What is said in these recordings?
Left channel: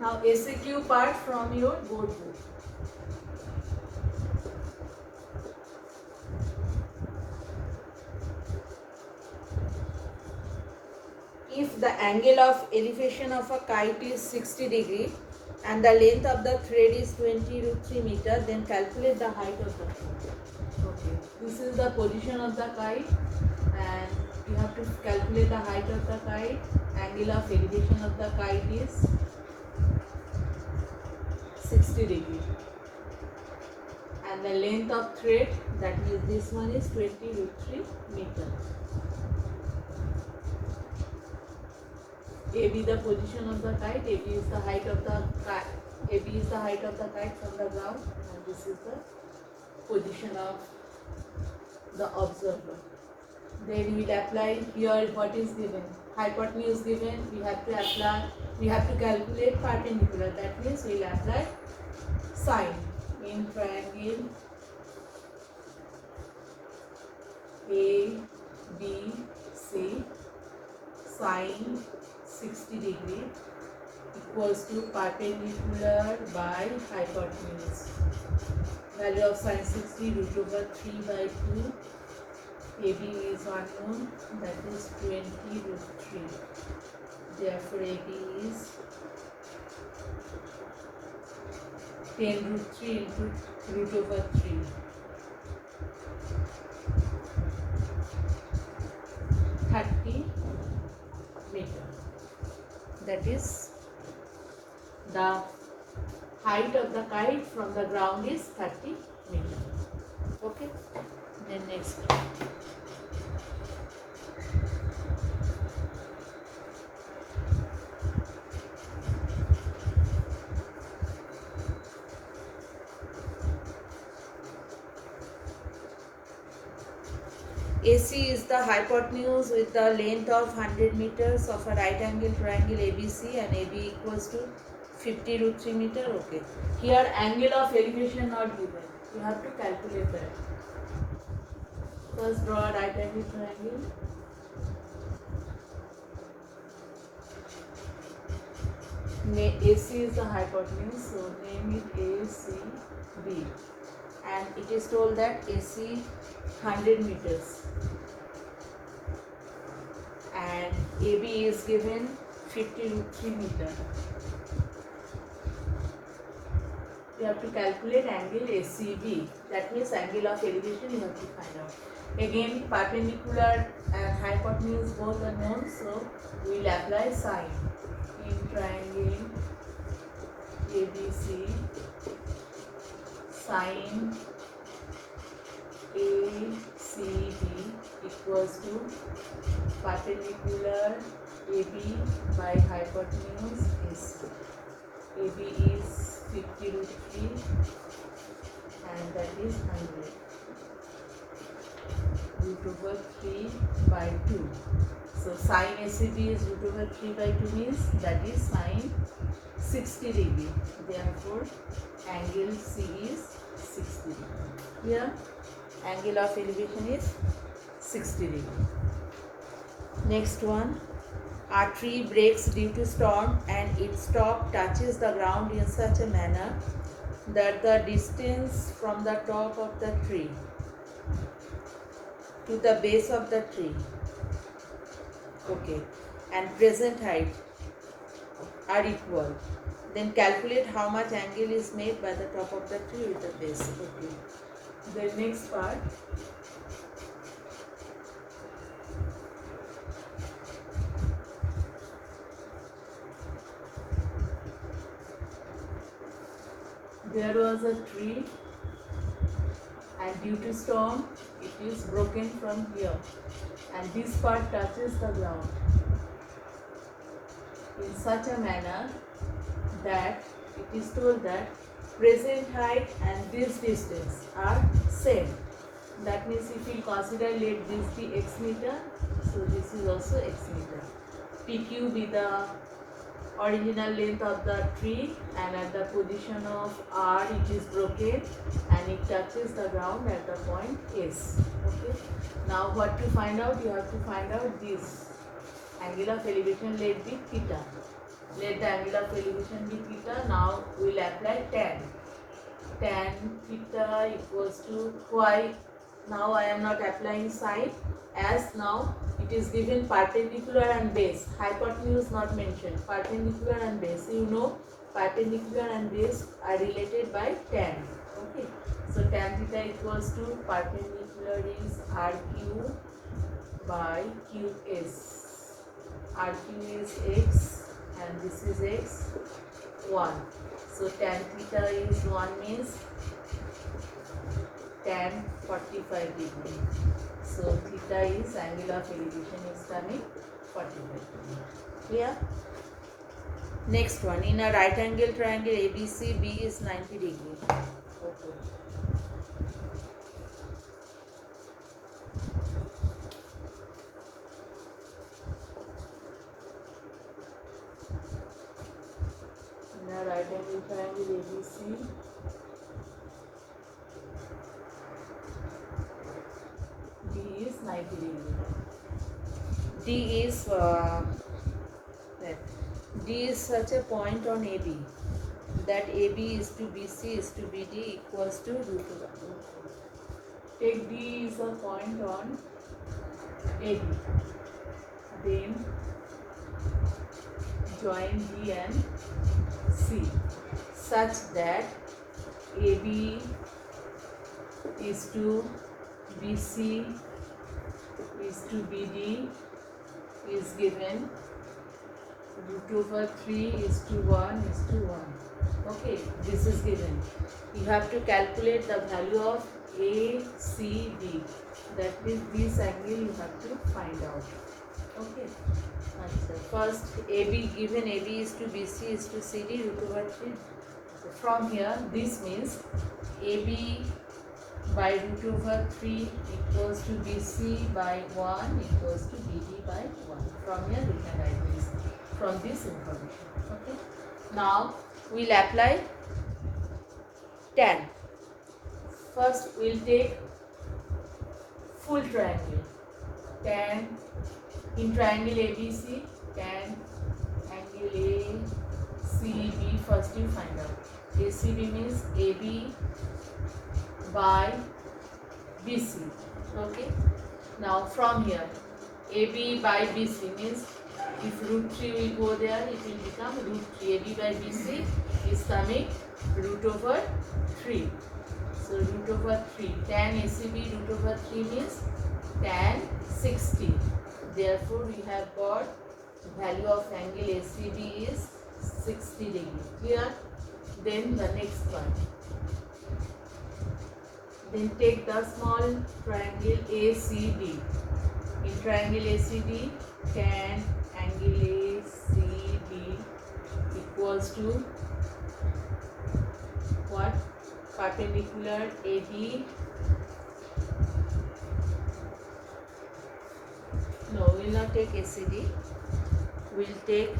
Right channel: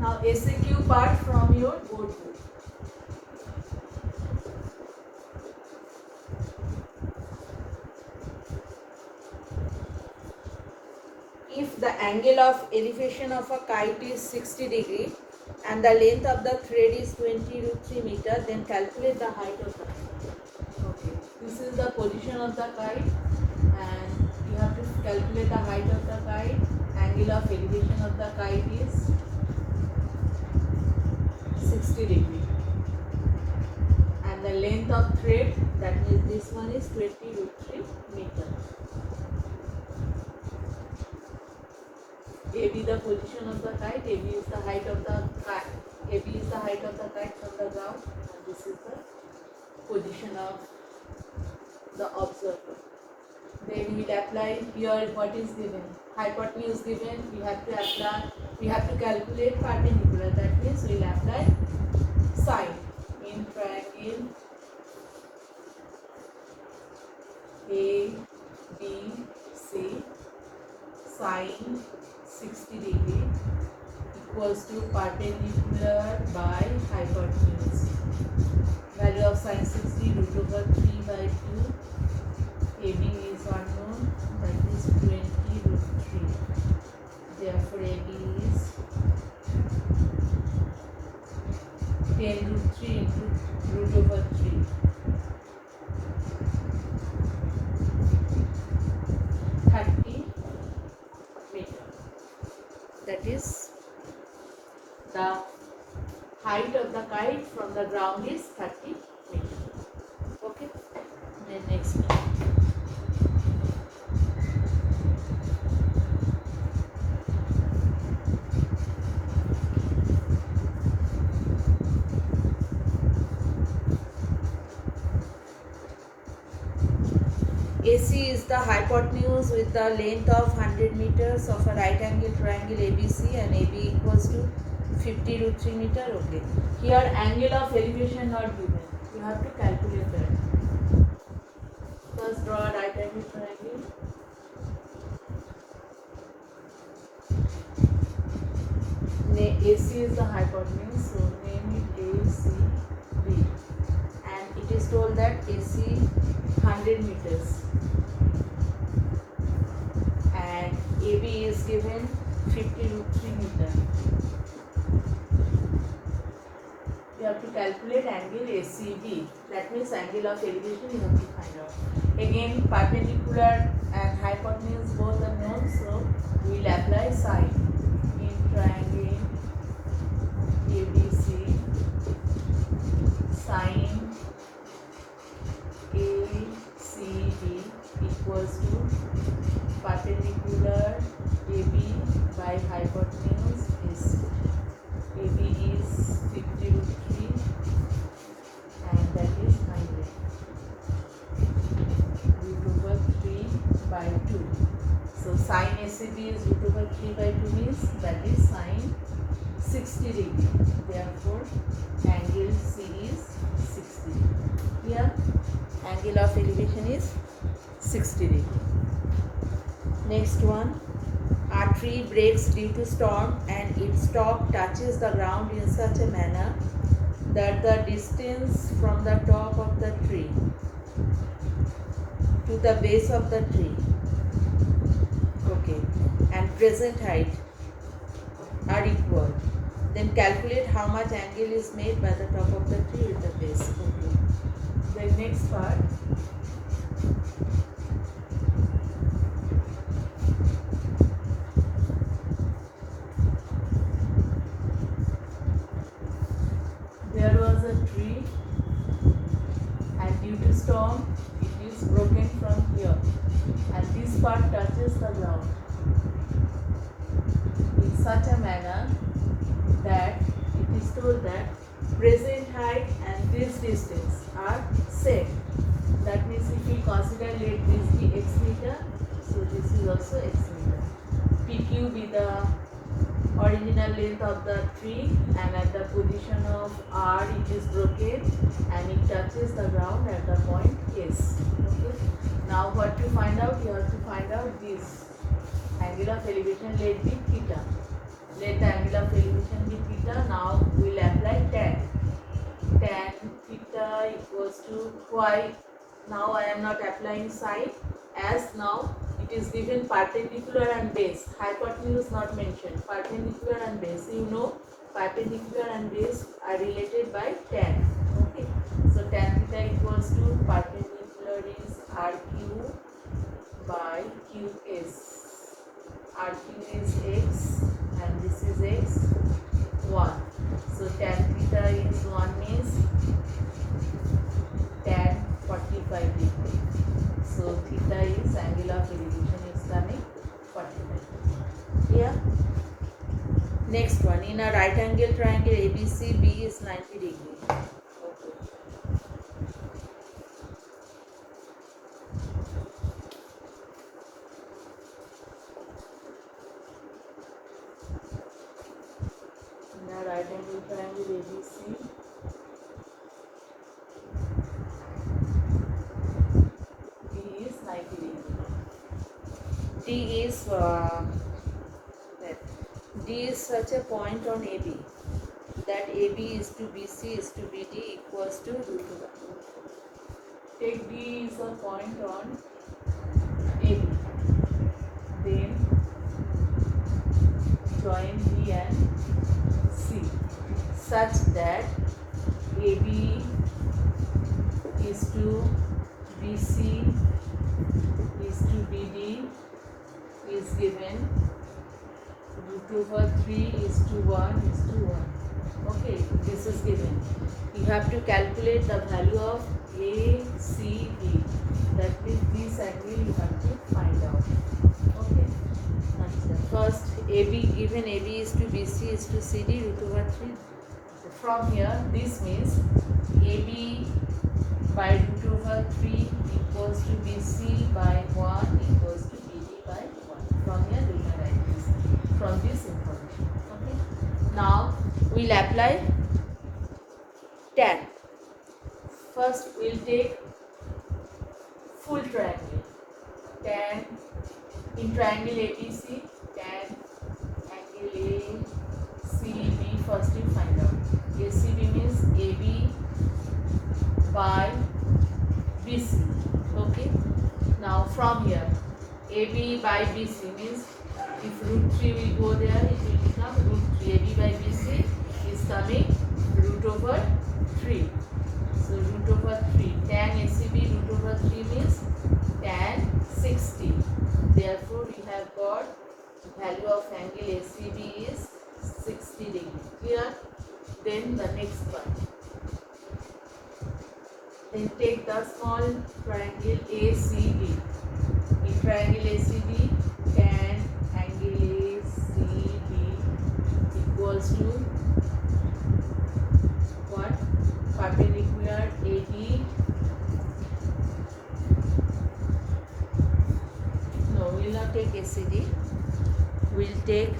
Now SAQ part from your board book. If the angle of elevation of a kite is 60 degree and the length of the thread is 20 root 3 meter, then calculate the height of the kite. Okay, this is the position of the kite and you have to calculate the height of the kite. Angle of elevation of the kite is 60 degree and the length of thread, that means this one, is 20 root 3 meter. AB the position of the kite, AB is the height of the kite, AB is the height of the kite from the ground and this is the position of the observer. Then we will apply here what is given. Hypotenuse given, we have to apply, we have to calculate perpendicular, that means we will apply sine in triangle ABC. Sine 60 degree equals to perpendicular by hypotenuse. Value of sine 60 root over 3 by 2. AB is unknown, that is 20 root 3. Therefore AB is 10 root 3 into root over 3. That is the height of the kite from the ground is 30 meters. Okay. Then next. AC is the hypotenuse with the length of 100 meters of a right angle triangle ABC and AB equals to 50 root 3 meter. Okay. Here angle of elevation not given. You have to calculate that. First draw a right angle triangle. AC is the hypotenuse, so name it ACB. And it is told that AC 100 meters. And AB is given 50 root 3 meter. You have to calculate angle ACB. That means angle of elevation you have to find out. Again, perpendicular and hypotenuse both are known, so we will apply sine in triangle ABC. Sine ACB equals to perpendicular AB by hypotenuse is AB is 50 root 3 and that is 100 root over 3 by 2. So sine ACB is root over 3 by 2 means that is sine 60 degree. Therefore angle C is 60 degree. Here angle of elevation is 60 degree. Next one, a tree breaks due to storm and its top touches the ground in such a manner that the distance from the top of the tree to the base of the tree, okay, and present height are equal. Then calculate how much angle is made by the top of the tree with the base. Okay. The next part. There was a tree and due to storm it is broken from here and this part touches the ground in such a manner that it is told that present height and this distance are same. That means if we consider let this be x meter, so this is also x meter. PQ be the original length of the tree and at the position of R it is broken and it touches the ground at the point S. Okay. Now what to find out? You have to find out this angle of elevation, let be theta. Let the angle of elevation be theta. theta equals to y. Now I am not applying sine, as now it is given perpendicular and base. Hypotenuse not mentioned. Perpendicular and base. You know, perpendicular and base are related by tan. Okay. So tan theta equals to perpendicular is RQ by QS. RQ is x and this is x 1. So tan theta is 1 means tan 45 degree. So theta is angle of elevation is coming 45 degree. Clear? Next one, in a right angle triangle ABC, B is 90 degree. Okay. In a right angle triangle ABC, B is 90 degree. D is such a point on AB that AB is to BC is to BD equals to root over. Take D is a point on AB. Then join D and C such that AB is to BC is to BD is given root over 3 is to 1 is to 1. Okay, this is given. You have to calculate the value of ACD. That means this angle you have to find out. Okay. First, AB given AB is to BC is to CD root over 3. So from here, this means AB by root over 3 equals to BC by 1 equals to BD by 1. From here, we can write this from this information. Okay. Now, we will apply tan. First, we will take full triangle. Tan in triangle ABC, tan angle ACB. First, you find out. ACB means AB by BC. Okay. Now, from here, AB by BC means if root 3 will go there, it will become root 3. AB by BC is coming root over 3. So root over 3. Tan ACB root over 3 means tan 60. Therefore, we have got value of angle ACB is 60 degree. Clear? Then the next one. Then take the small triangle ACD. In triangle ACD, tan angle ACD equals to what? Perpendicular AD. No, we will not take ACD. We will take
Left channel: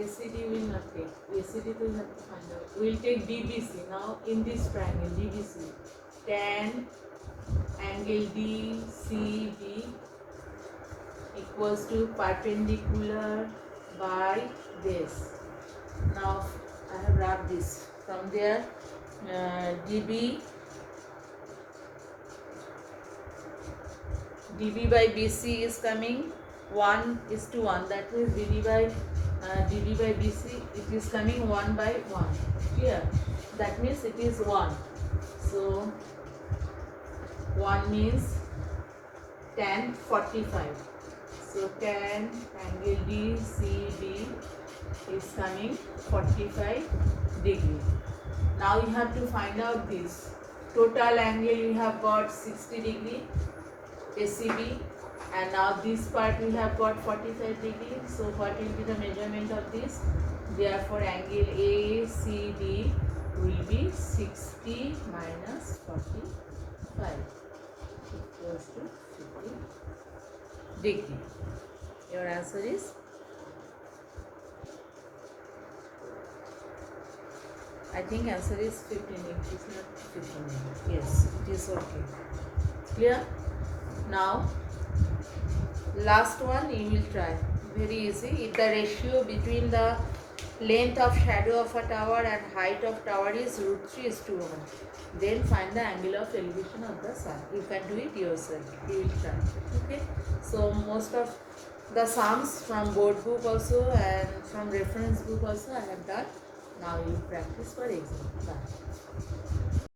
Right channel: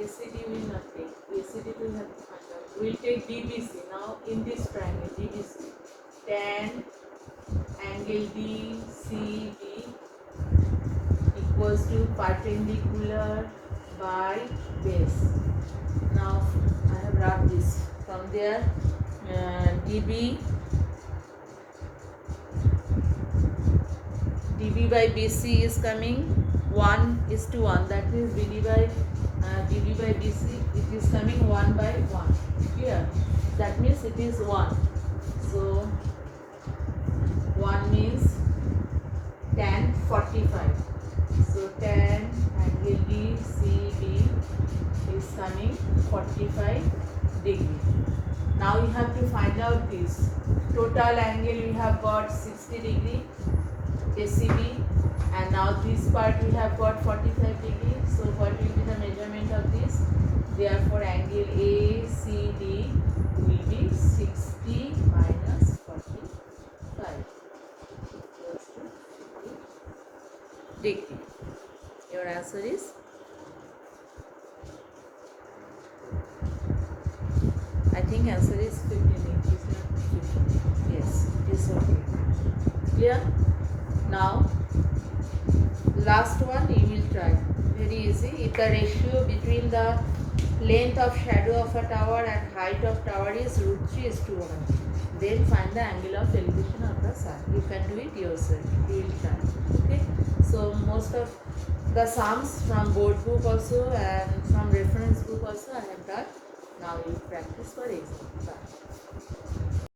ACD. We will not take ACD. We will have to find out. We will take DBC. Now in this triangle DBC, tan angle DCB equals to perpendicular by base. Now I have wrapped this. From there, DB by BC is coming 1 is to 1. That means DB by BC it is coming 1 by 1. Clear? That means it is 1. So 1 means tan 45. So tan angle DCB is coming 45 degree. Now you have to find out this. Total angle we have got 60 degree ACB, and now this part we have got 45 degree. So what will be the measurement of this? Therefore angle ACD will be 60 minus 45 equals to 50 degree. Your answer is I think answer is 15. It is not 15. Yes, it is okay. Clear? Now, last one you will try. Very easy. If the ratio between the Length of shadow of a tower and height of tower is √3:1. Then find the angle of elevation of the sun. You can do it yourself. You will try. Okay. So most of the sums from board book also and from reference book also I have done. Now you practice for exam. Bye.